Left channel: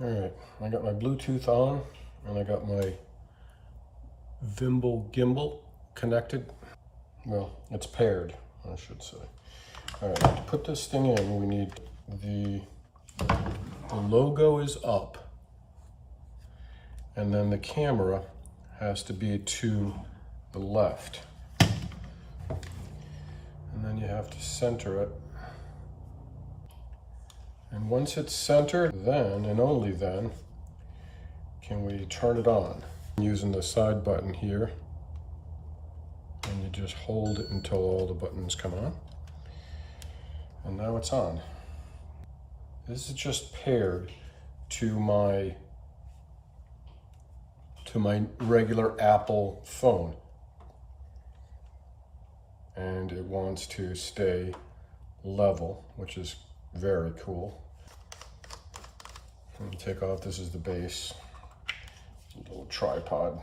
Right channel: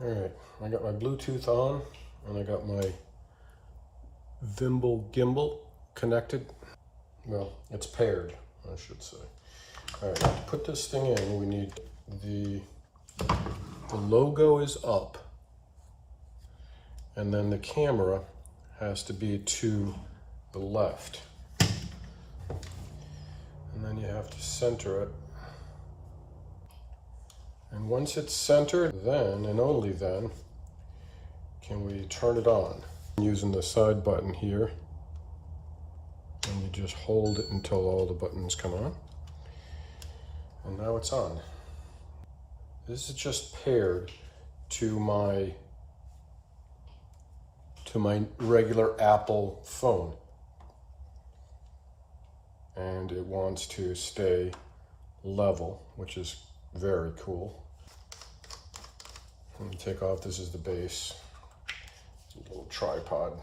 All right, I got my Bluetooth on and I got my Vimble gimbal connected. Well, it's paired, I should say. All right, now to put this thing in, we need the logo is up, and then the camera has to be to the left. And then you have to center it. And once it's centered, then and only then can we turn it on. Using the side button here, and you just hold it until all the buttons come on. And now it's on. This is just paired to my regular Apple phone. And it wants to stay level, which is very cool. Let me take off, this is the base. A little tripod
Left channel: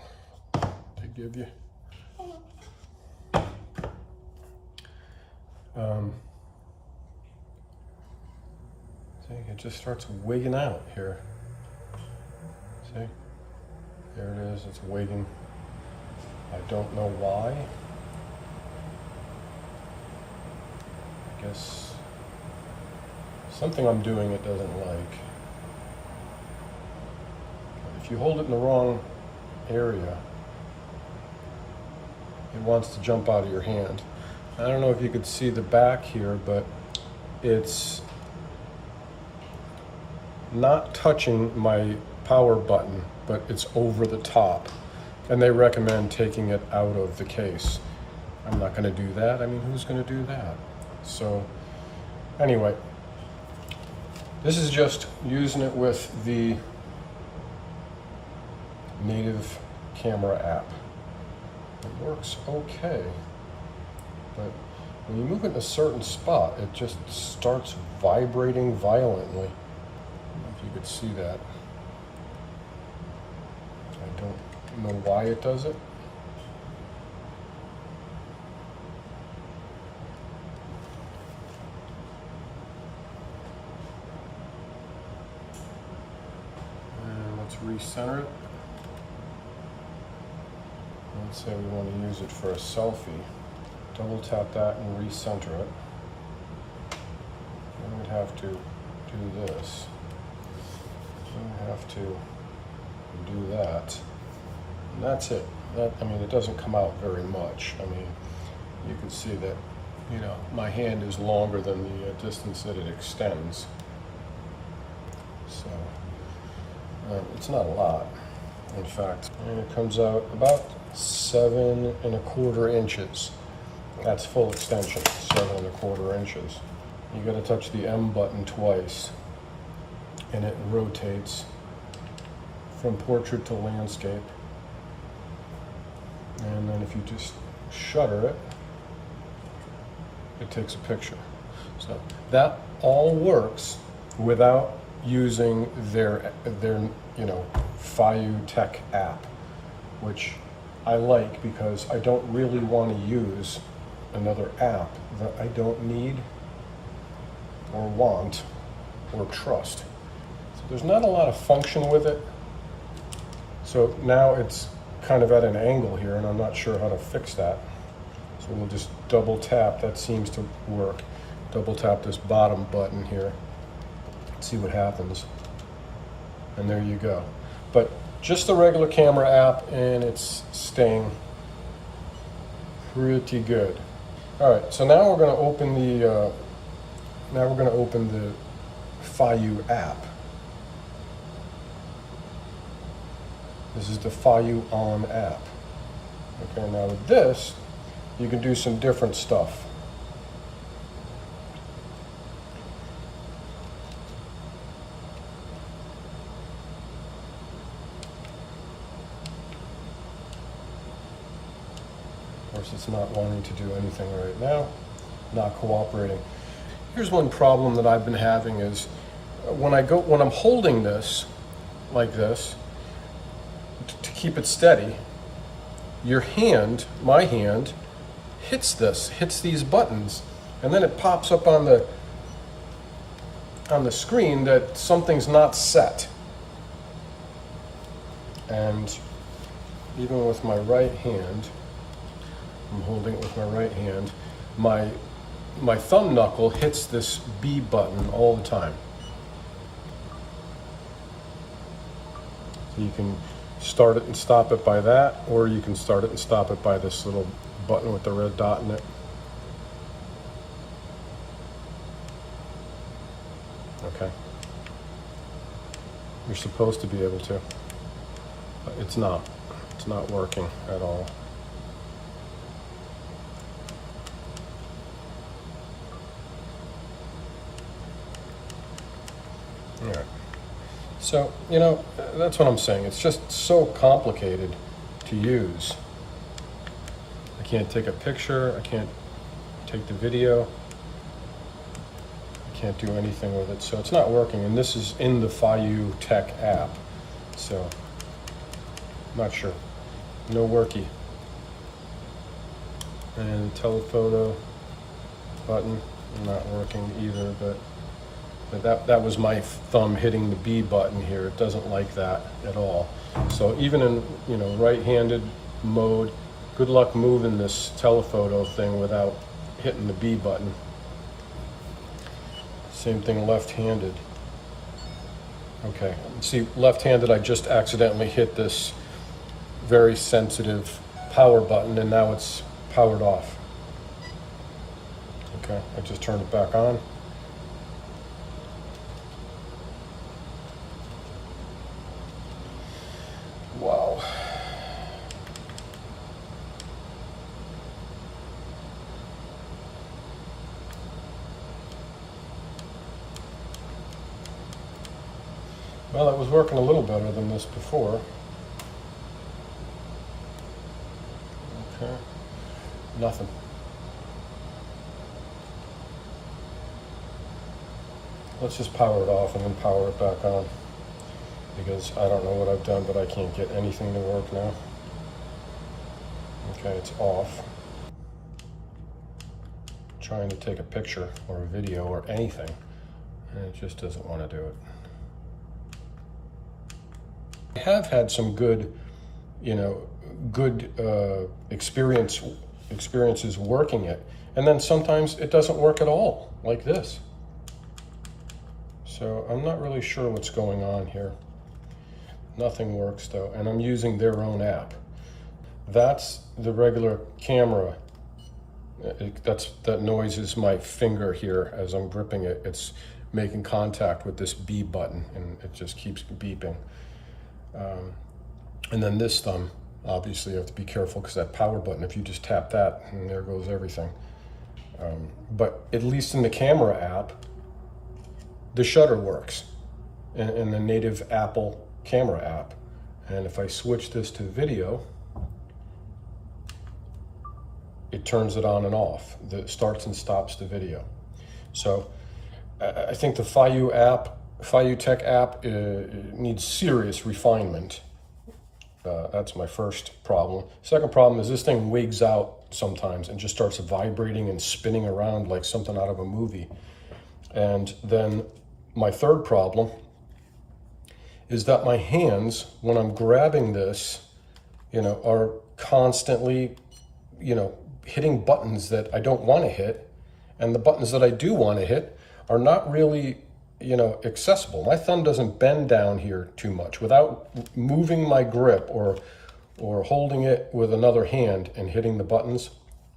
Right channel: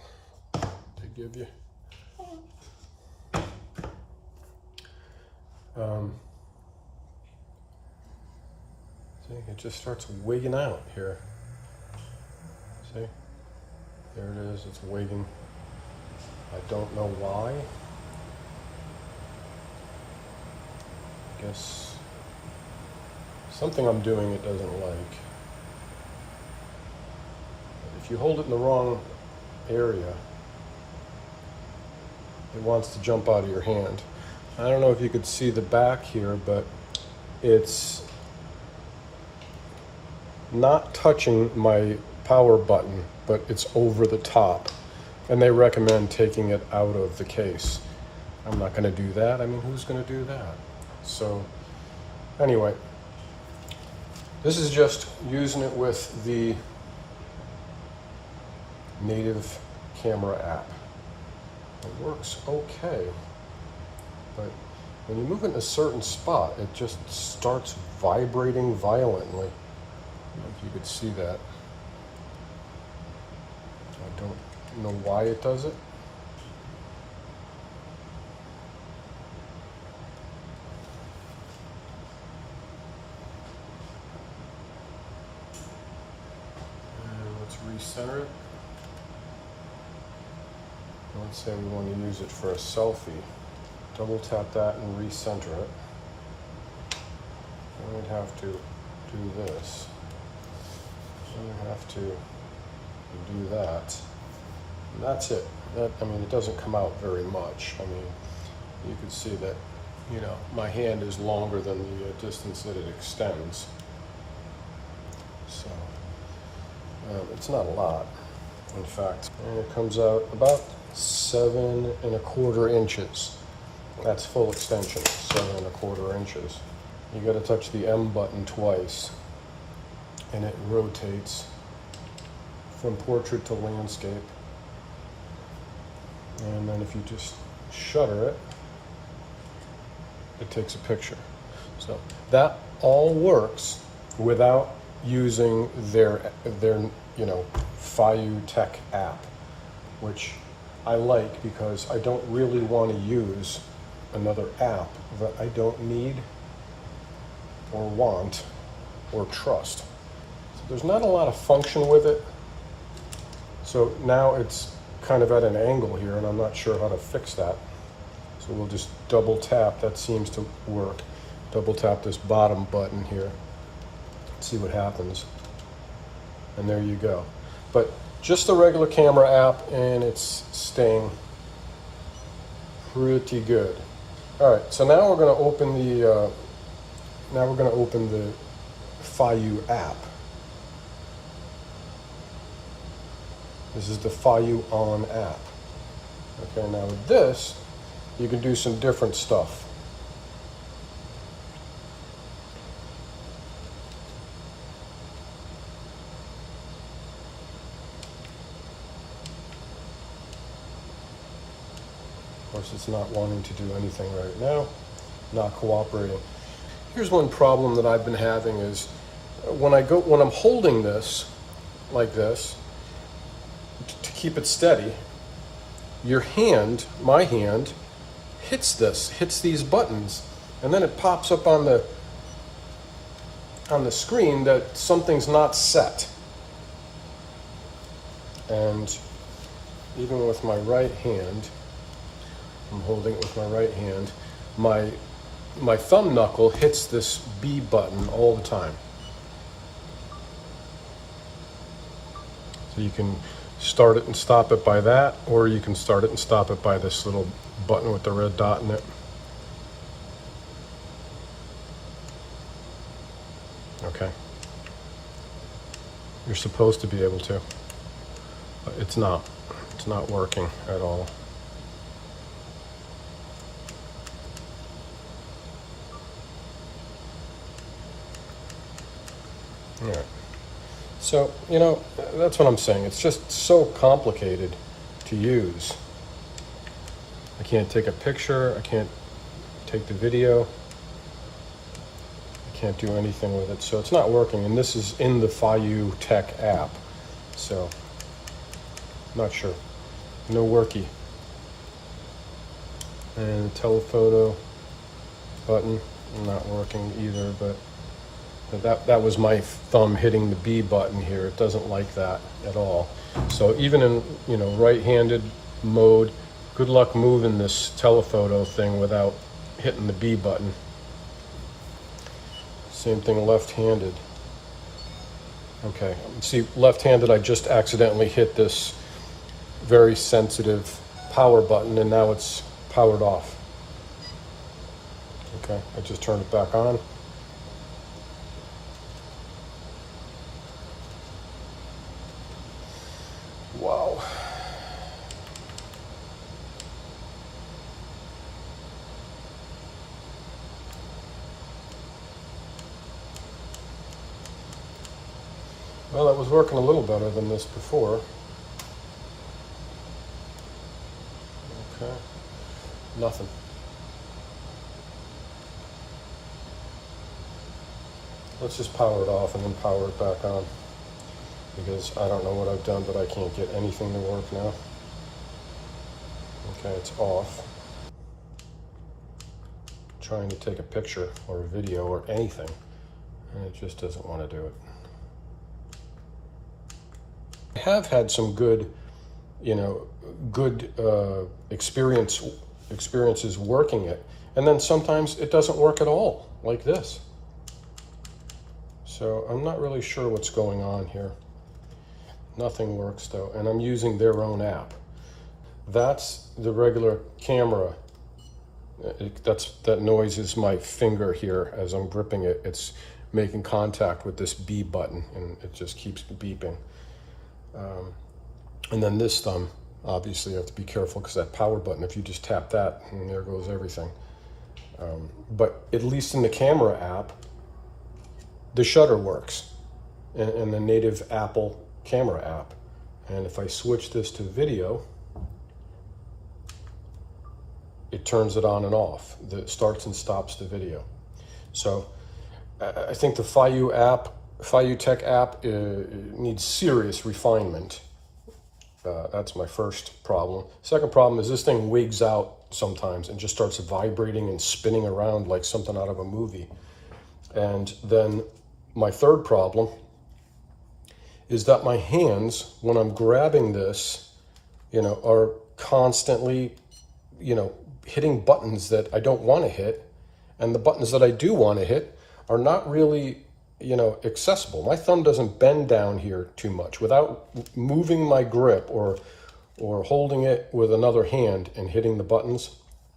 to give you. See, it just starts wigging out here. See? There it is, it's wigging. I don't know why. I guess something I'm doing it doesn't like. But if you hold it in the wrong area, it wants to jump out of your hand. I don't know if you could see the back here, but it's not touching my power button, but it's over the top. And they recommend taking it out of the case. I'm not gonna do that. I mean, who's gonna do that? So anyway, this is just using it with the native camera app. It works okay, but when you move it in a certain spot, it just starts vibrating violently. If you could see that. I don't know why it does it. And let's recenter it. Let's say we want to use it for a selfie. Double tap that and recenter it. Then we'd have to do this. Then we have to do that. And that's it. I mean, it doesn't come out very much. I mean, you can see that, you know, my hand is longer than the distance that it extends. So, it's not a lot, in fact. And it comes out about 7 1/4 inches. That's full extension, 7 1/4 inches. You gotta touch the M button twice, and it rotates from portrait to landscape. And then if you just shutter it, it takes a picture. So that all works without using their you know, FeiyuTech app, which I like because I don't really want to use another app that I don't need or want or trust. So there's not a lot of function with it. So now it's kind of at an angle here, and I'm not sure how to fix that. So we'll just double tap, that seems to work. Double tap this bottom button here, see what happens. And there you go. But just the regular camera app, and it's staying pretty good. All right, so now we're going to open the Feiyu app. This is the Feiyu On app. Okay, now with this, you can do some different stuff. Of course, it's not wanting to do anything right now, not cooperating. Here's one problem that I've been having is when I'm holding this like this to keep it steady, your hand, my hand, hits these buttons, and then it pops up on the screen that something's not set. And even with my right hand, I'm holding it with my right hand, my thumb knuckle hits this B button all the time. So you can start it and stop it by that, or you can start it and stop it by this little button with the red dot in it. Okay. You're supposed to be able to. It's not. It's not working at all. Yeah. So, you know, that's what I'm saying. It's just so complicated to use. I can't take a picture. I can't take the video. I can't do anything with it. So it's not working. And this is in the FeiyuTech app. So, not sure. No worky. And telephoto button, not working either, but that was my thumb hitting the B button here. It doesn't like that at all. So even in, you know, right-handed mode, good luck moving this telephoto thing without hitting the B button. Same thing left-handed. Okay, see, left-handed, I just accidentally hit this very sensitive power button, and now it's powered off. Okay, I just turned it back on. Wow. Well, it was working a little better than this before. Okay, nothing. Let's just power it off and then power it back on, because I don't know what I've done, but I can't get anything to work now. Okay, it's off. Trying to take a picture or a video or anything, and it just doesn't want to do it. I have had some good, you know, good experiences working it, and then sometimes it doesn't work at all, like this. So I'm not really sure what's going on here. Nothing works though, and I'm using their own app. That's the regular camera. That noise is my finger here as I'm gripping it. It's making contact with this B button, and it just keeps beeping. And then this thumb, obviously you have to be careful, because that power button, if you just tap that, and there goes everything. But at least in the camera app, the shutter works in the native Apple camera app. And if I switch this to video, it turns it on and off. It starts and stops the video. So I think the FeiyuTech app needs serious refinement. That's my first problem. Second problem is this thing wigs out sometimes and just starts vibrating and spinning around like something out of a movie. And then my third problem is that my hands, when I'm grabbing this, you know, are constantly, you know, hitting buttons that I don't want to hit, and the buttons that I do want to hit are not really, you know, accessible. My thumb doesn't bend down here too much. Without moving my grip or holding it with another hand and hitting the buttons,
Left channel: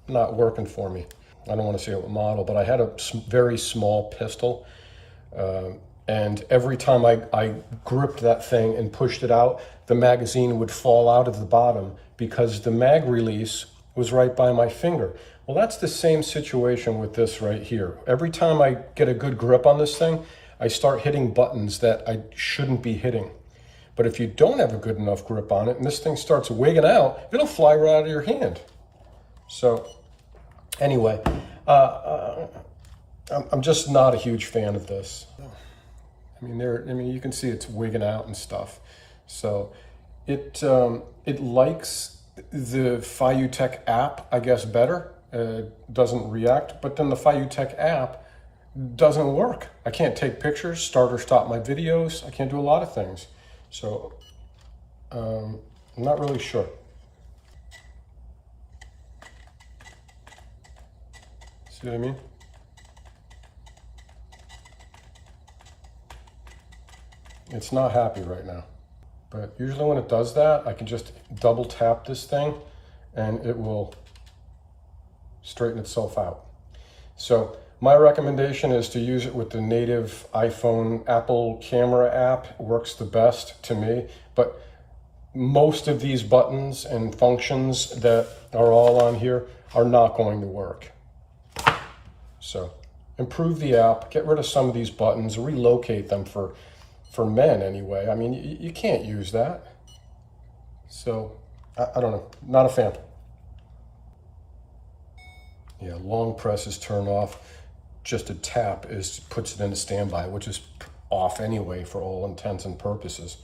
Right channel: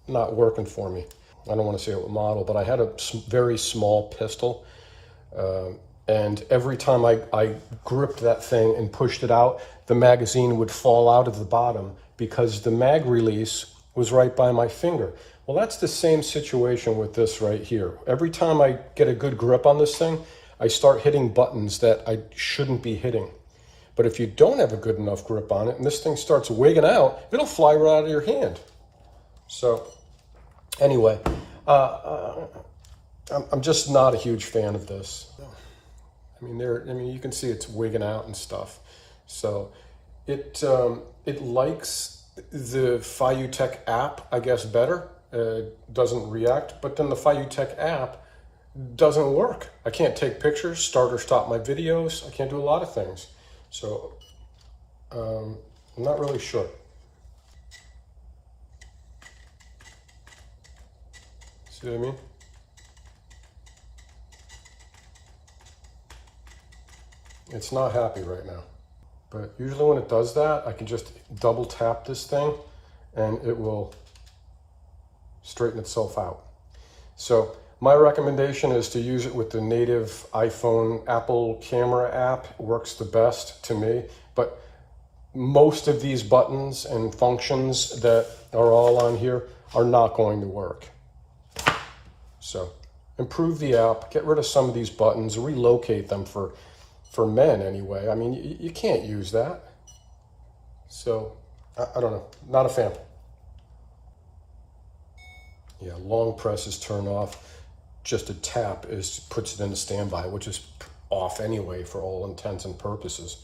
not working for me. I don't want to say what model, but I had a very small pistol, and every time I gripped that thing and pushed it out, the magazine would fall out of the bottom because the mag release was right by my finger. Well, that's the same situation with this right here. Every time I get a good grip on this thing, I start hitting buttons that I shouldn't be hitting. But if you don't have a good enough grip on it and this thing starts wigging out, it'll fly right out of your hand. So anyway, I'm just not a huge fan of this. I mean, you can see it's wigging out and stuff. So it likes the FeiyuTech app, I guess, better. Doesn't react, but then the FeiyuTech app doesn't work. I can't take pictures, start or stop my videos. I can't do a lot of things. So I'm not really sure. See what I mean? It's not happy right now. But usually when it does that, I can just double tap this thing and it will straighten itself out. So my recommendation is to use it with the native iPhone Apple camera app. It works the best to me, but most of these buttons and functions that are all on here are not going to work. So improve the app, get rid of some of these buttons, relocate them for men anyway. I mean, you can't use that. So I don't know, not a fan. Yeah, long presses turn off. Just a tap puts it into standby, which is off anyway for all intents and purposes.